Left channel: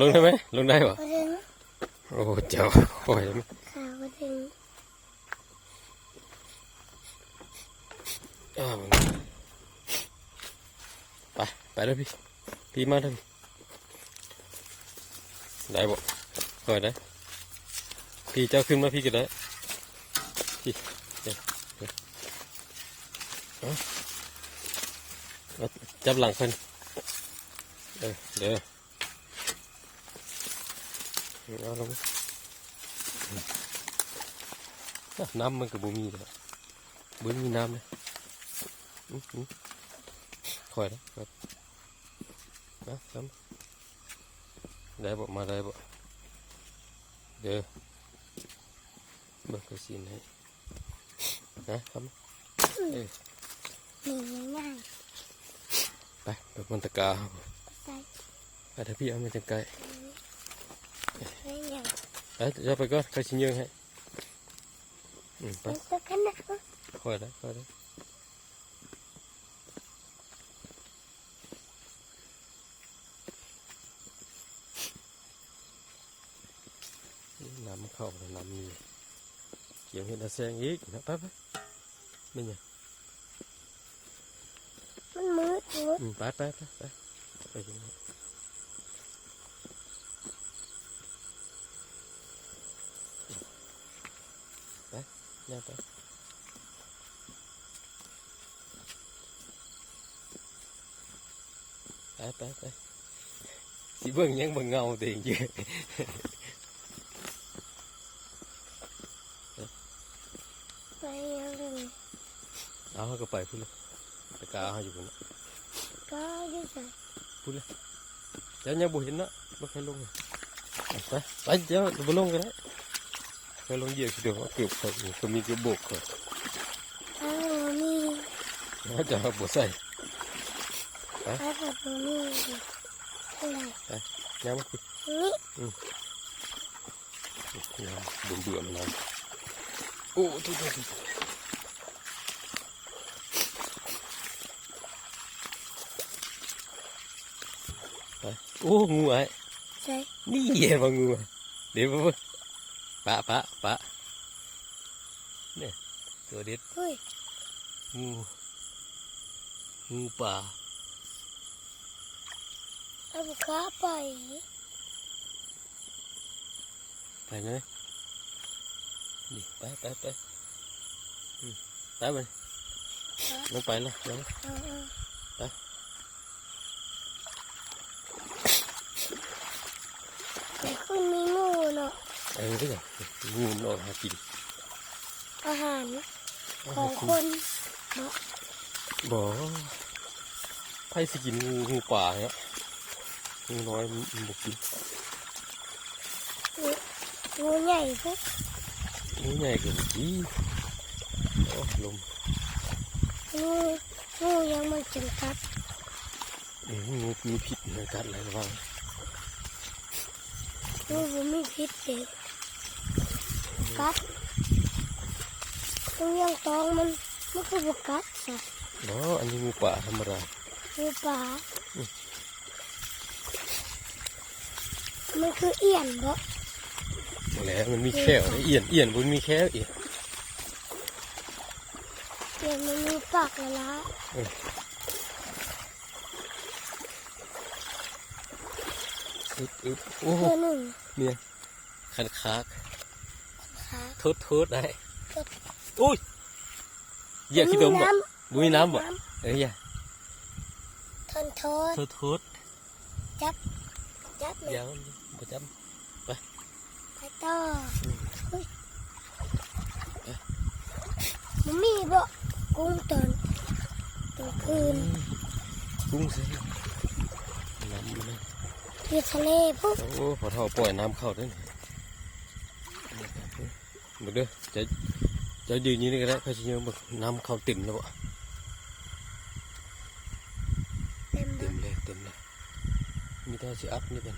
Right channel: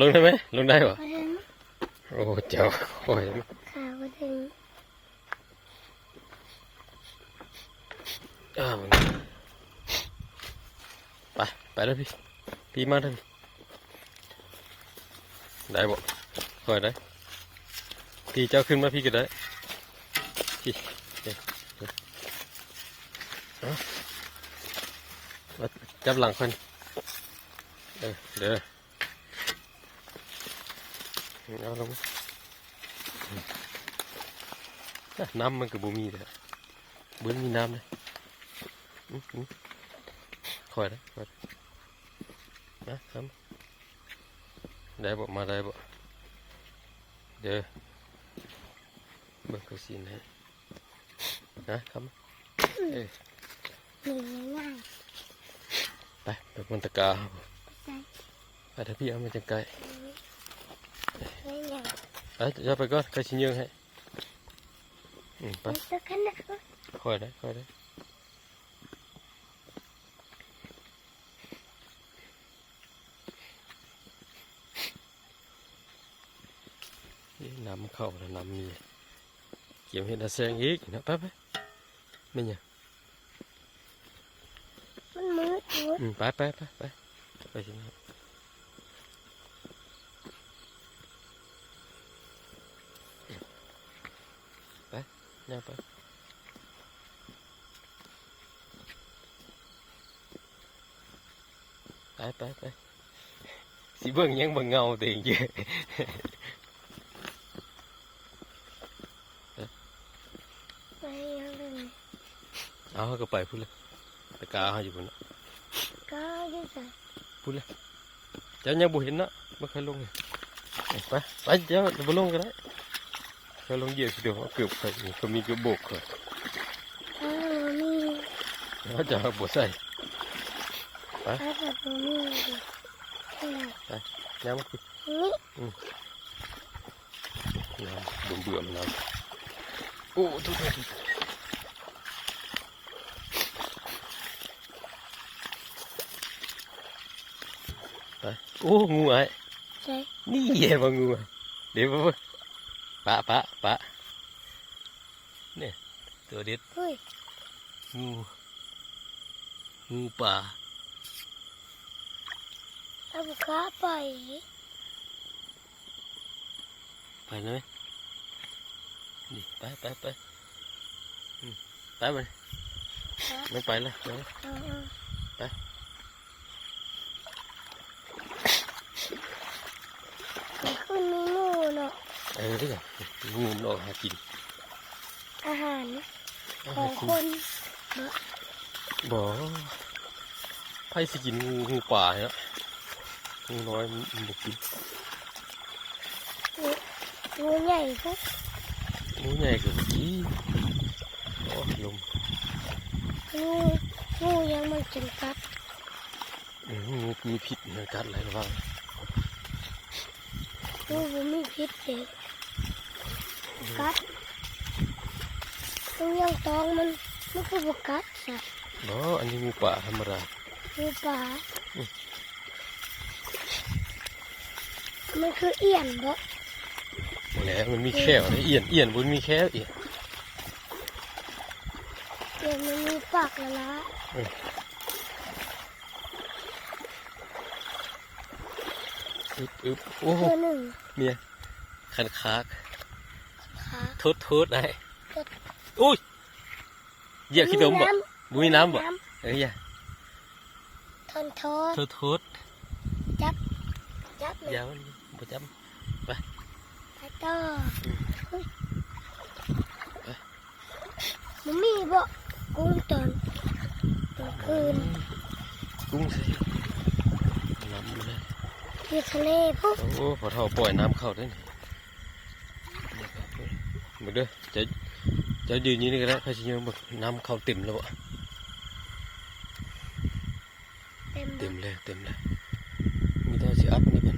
ลงได้ไหมลงได้ปะบ่ถึงโอ้เจ้าโอ้ย ขาบ่ถึงไปแล้วพี่มาเลยได้บ่คอยได้พี่เจ้าขึ้นมาพี่จะได้พี่จับหลังคนเดี๋ยวเอาลงน้ำมันกับบุมีเลยบุมีน้ำเลยคอยนะครับได้บ่มาได้บ่เดี๋ยวเบิกกระสีให้นะครับง่ายไปแบบมันตะกาไปเดี๋ยวพี่เอามาจังไกลเดี๋ยวไปก่อนใครชิ้นเยอะให้ไปคอยได้น้ำมันเข้าแล้วน้ำมีเกี่ยวเห็ดแซงอีกนะไปไม่เนี่ยมันมืดอยู่ไปชิ้นนี้ไปเนี่ยไปสิเบิ่งยังเบิ่งเงาตัวเองเยอะเอาก็ไปพูดเลยตะกาเขาอยู่บนก็ยังใส่พูดเลยเจ้ายังบุเห็นเนาะไม่เคยลงเลยไปเจ้าบุลงกันได้ก็ลงเหยียบเดี๋ยวเกือบไปก็มีกระบอกเลยมีเขาจะบวใส่ไปมีน้ำคือน้ำเบื่อมันน้ำโอ้ทุกท่านโอ้งูไอ้นี่แย่บงูเดี๋ยวปะเนี่ยตัวเด็ดงูป่าเอาขาไปไหมนี่ไปไม่ไปแล้วไปขึ้นมีงูเนาะนี่ไงงูมันออกหากินอาหารของคนบ่ไผ่สิกินงูป่าเนี่ยงูน้อยมันบุกกินงูใหญ่พวกงูใหญ่กับบุกกี้โอ้ลมงูยังมันกินกัดงูมีพิษมันกัดอะไรระวังงูมีพิษเด็กกัดยังตองมันคือบุกกัดจ้ะบ่อันนี้งูป่าธรรมดางูป่ามันคือเอี่ยนบ่แล้วมันมีแค่เอี่ยนบนมีแค่เอี่ยนมันมีปากละโอ้เนี่ยคันคากทุดได้อุ้ยเหยียบขี้ดมบ่บุ้ยน้ำบ่อย่าทุดจับยาวบ่จับไปต่อมันมีบ่กุ้งตอนคืนกุ้งใส่น้ำมันเลยที่ทะเลพวกโอ้พอเท่าปล่อยน้ำเข้าได้มาเด้อจะยืนนี้ก็ได้ใครจะยืนแบบน้ำเข้าเต็มแล้วบ่เต็มเลยมีแต่สิอัดนี่เป็น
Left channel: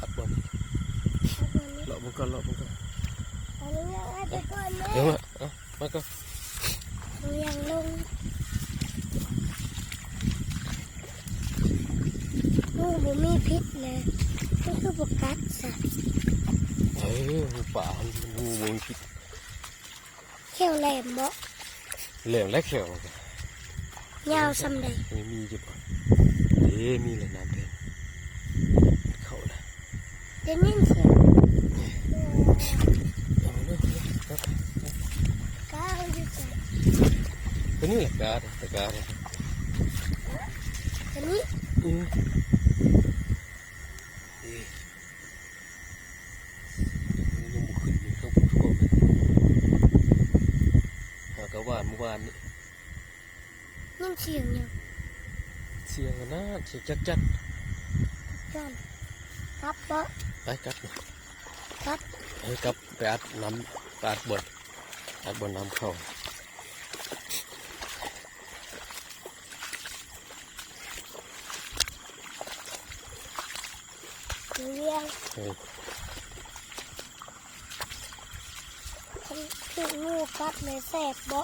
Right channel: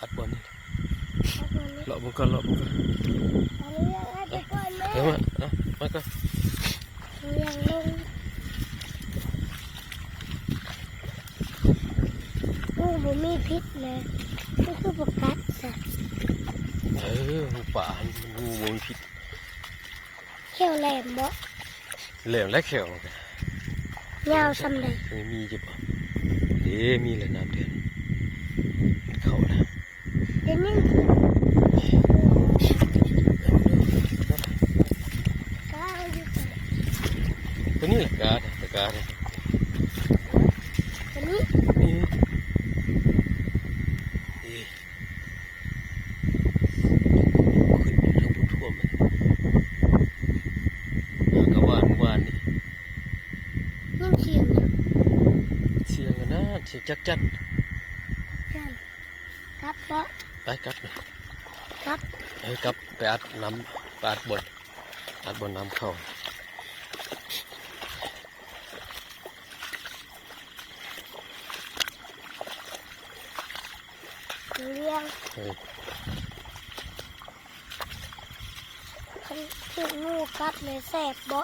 อัดบอลนี่เลาะมันก็มาก็ยังลง บ่มีพิษนะมันคือบ่กัดซะ งูป่ามันงูบนพิษ แค่วแหลมบ่ แหลมและแข็งกัน ยาวซำใด ไม่มีจะบ่มีเลยน้ำเดือนเขานะ เดี๋ยวนี้สิก้าวอยู่จ้ะ ตัวนี้แหละกาตะกาเนี่ย ตัวนี้ ขึ้นทั้งพุ่ทั่วมันกระวานวานนี่ ยินเสียงอยู่ เสียงกันนะเสียงจักจัน จ้ะครับบ่ ไปกลับเลย ครับ ให้กลับไปอัดน้ำไปอัดบนน้ำเข้า เรื่อง คันที่งูกัดเลยแสบบ่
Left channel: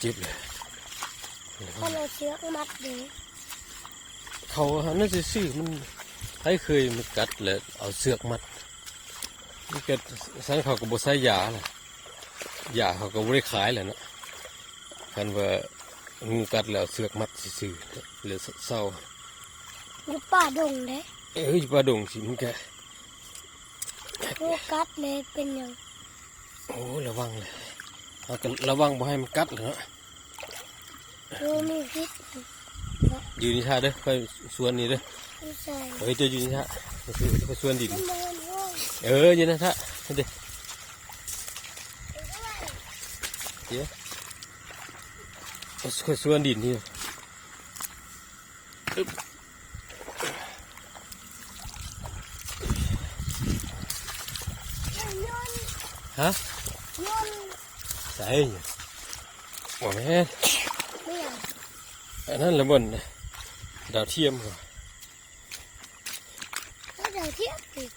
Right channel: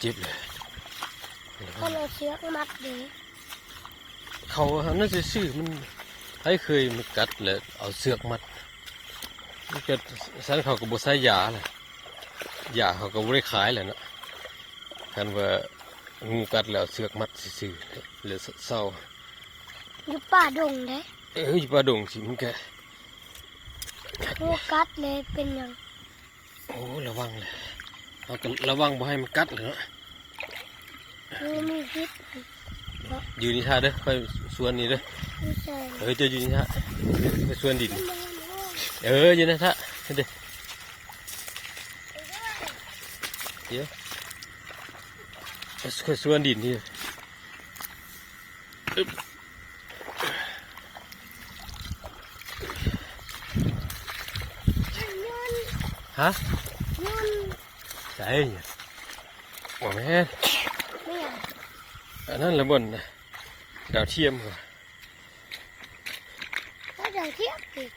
เจ็บเลย ก็เลยเชือกมัดเด้ เขาน่าจะซื้อมันให้เคยมันกัดเลยเอาเสือกมัดมันเกิดสันเขาก็บ่ใช้ยาเลยยาเขาก็บ่ได้ขายเลยนะกันว่างูกัดแล้วเสือกมัดซื่อๆหรือเศร้า อยู่ป่าดงเด้ อยู่ป่าดงสิมันแก งูกัดเลยเป็นหยัง โอ้ระวังเลยเอากันระวังบ่ให้มันกัดเลยเนาะ งูมีพิษ อยู่นี่ท่าเด้อไปสวนนี่เด้อ ไม่ใช่ จะอยู่นี่ท่าไปสวนดิน มันบ่มันห้อง อยู่นะท่าเด้อเดี๋ยวไปสวนดินนี่อึ๊บ ยน ฮะ ยน ใส่ว่าแม่ เนี่ย อันนั้นละบนนะดาวเทียมค่ะ แล้วเดี๋ยวเทียบอีก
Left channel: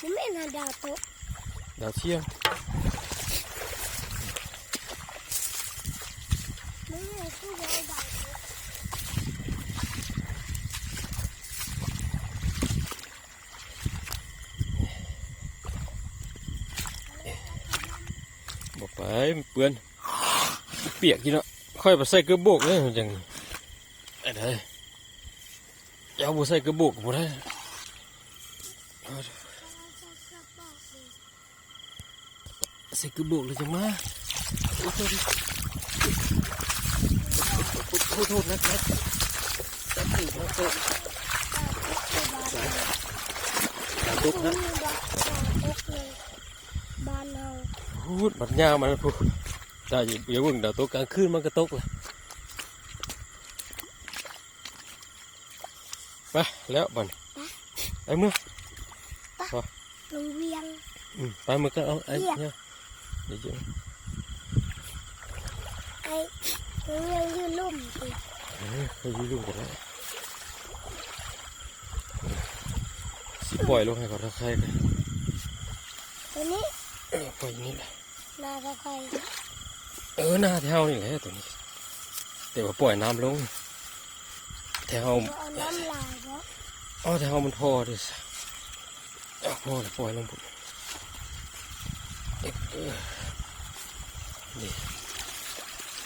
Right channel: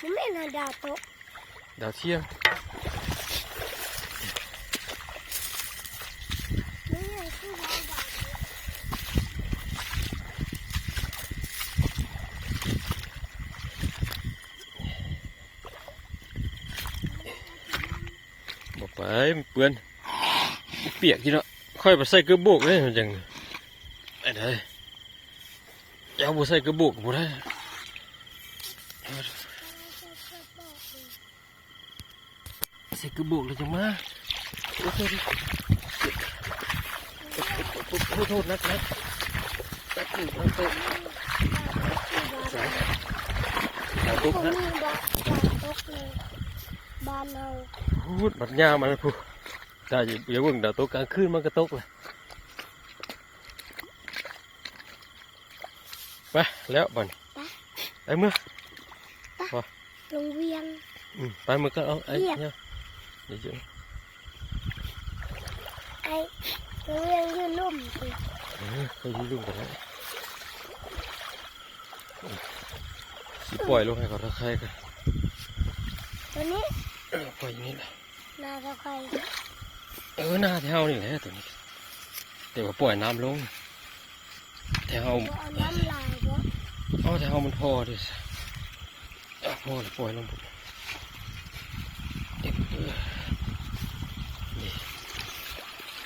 มันไม่นอนดาวโต๊ะ ดาวเทียม นี่ไงคือวาวดาวโต๊ะ บอกไปมันเปื้อนเปียกทีเนาะค่อยไปใส่กระบอกเลยมันจังไอ้เด้อเอาบ่ใส่กระบอกบ่ได้ใส่กระบอกเลยจังมาโอ้โทษนักตัดถูกนะโตดาวตก มั นะ นมีดาวโต๊ะเลยบ้านเรา พูดบัดยาวมาแล้วพูดได้อย่าเพิ่งดาวตกกลางคืนมันก็ตกเลยไปแล้วบัดไอ้เมื่อ โรงเรียน ไปมือก็เอาเนี่ยเดี๋ยว ไอ้โรงเรียนอยู่ลุ่มสิ เขายืมกันแล้วสิปล่อยลงให้เขาตะไคร้กัน ตัวนี้ ปล่อยอย่างนี้นะ นาตะไคร้ หน้าเท้านี่แหละตัวนี้เดี๋ยวปล่อยน้ำลงแถว เอาน้ำลายบ่ เอาแถวมันพอดิพอปล่อยลงปุ๊บนี่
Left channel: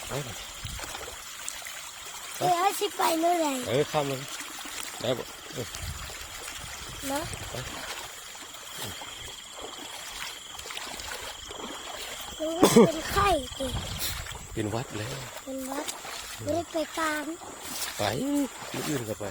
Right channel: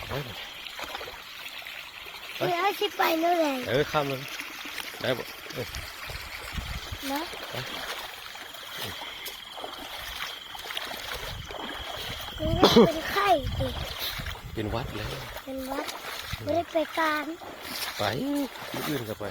ไป เพื่อให้สิไปเมื่อไหร่ ข้ามเลยได้บ่ นะเป็นไข้ดิ เป็นวัดเลย เป็นวัดไม่ได้ไปการ ไปที่อื่นก็ไป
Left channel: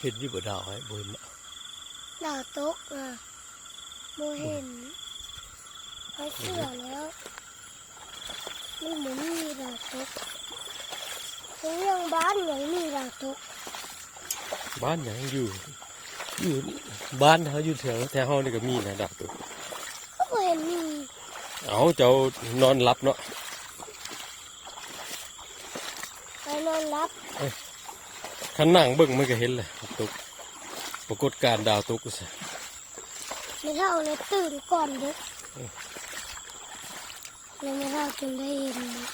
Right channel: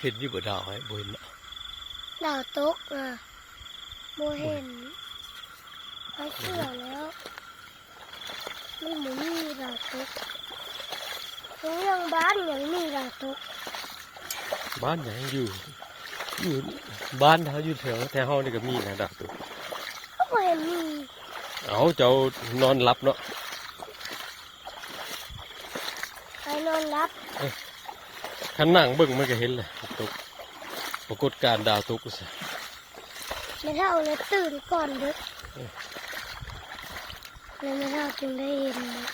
เห็นอยู่บ่ดาวให้บ่เห็น ดาวตกโมเห็นเขาเชื่อแล้วนี่เหมือนมีดาวตกเรื่องบ้านอย่างมีดาวตก บ้านยังอยู่บ้านเขาอยู่แถวเฮานี่ก็มีนะดาวตัว เขาบ่เห็นมี เอาเจ้านอนหลับเนาะ ไปนอนรับ ขันนั่งเบิ่งมันก็เห็นเลยตกปรากฏการณ์ดาวตกสิ ไม่เท่าเลยตื่นก่อนเด็กเลยไม่เท่าจึงได้เห็นนะ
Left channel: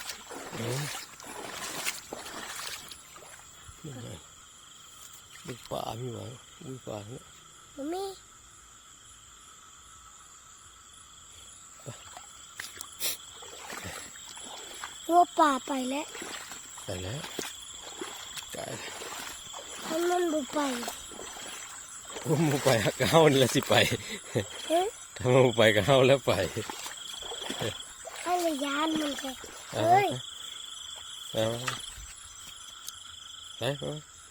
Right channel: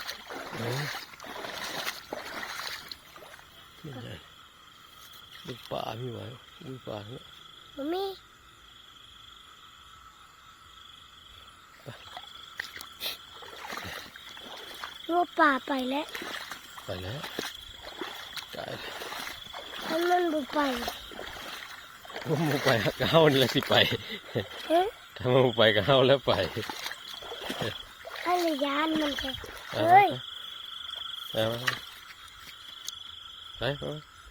นี่ไงบึกป่ามีไว้บึกป่าเนี่ย มันมีงัวป่าไปแล้ว ไปแล้วกาย มันบุไป ผมไปกับเฮานี่แหละสิไป เฮ้ย ถ้ามันไปกับเฮาแล้วไป ให้ระยานมันก็เฮ้ย เอาไปไป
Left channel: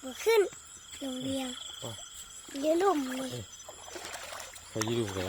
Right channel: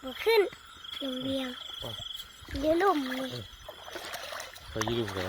มาขึ้นอย่างเดียวเดี๋ยวลุ่มเลย เขายืดดูกัน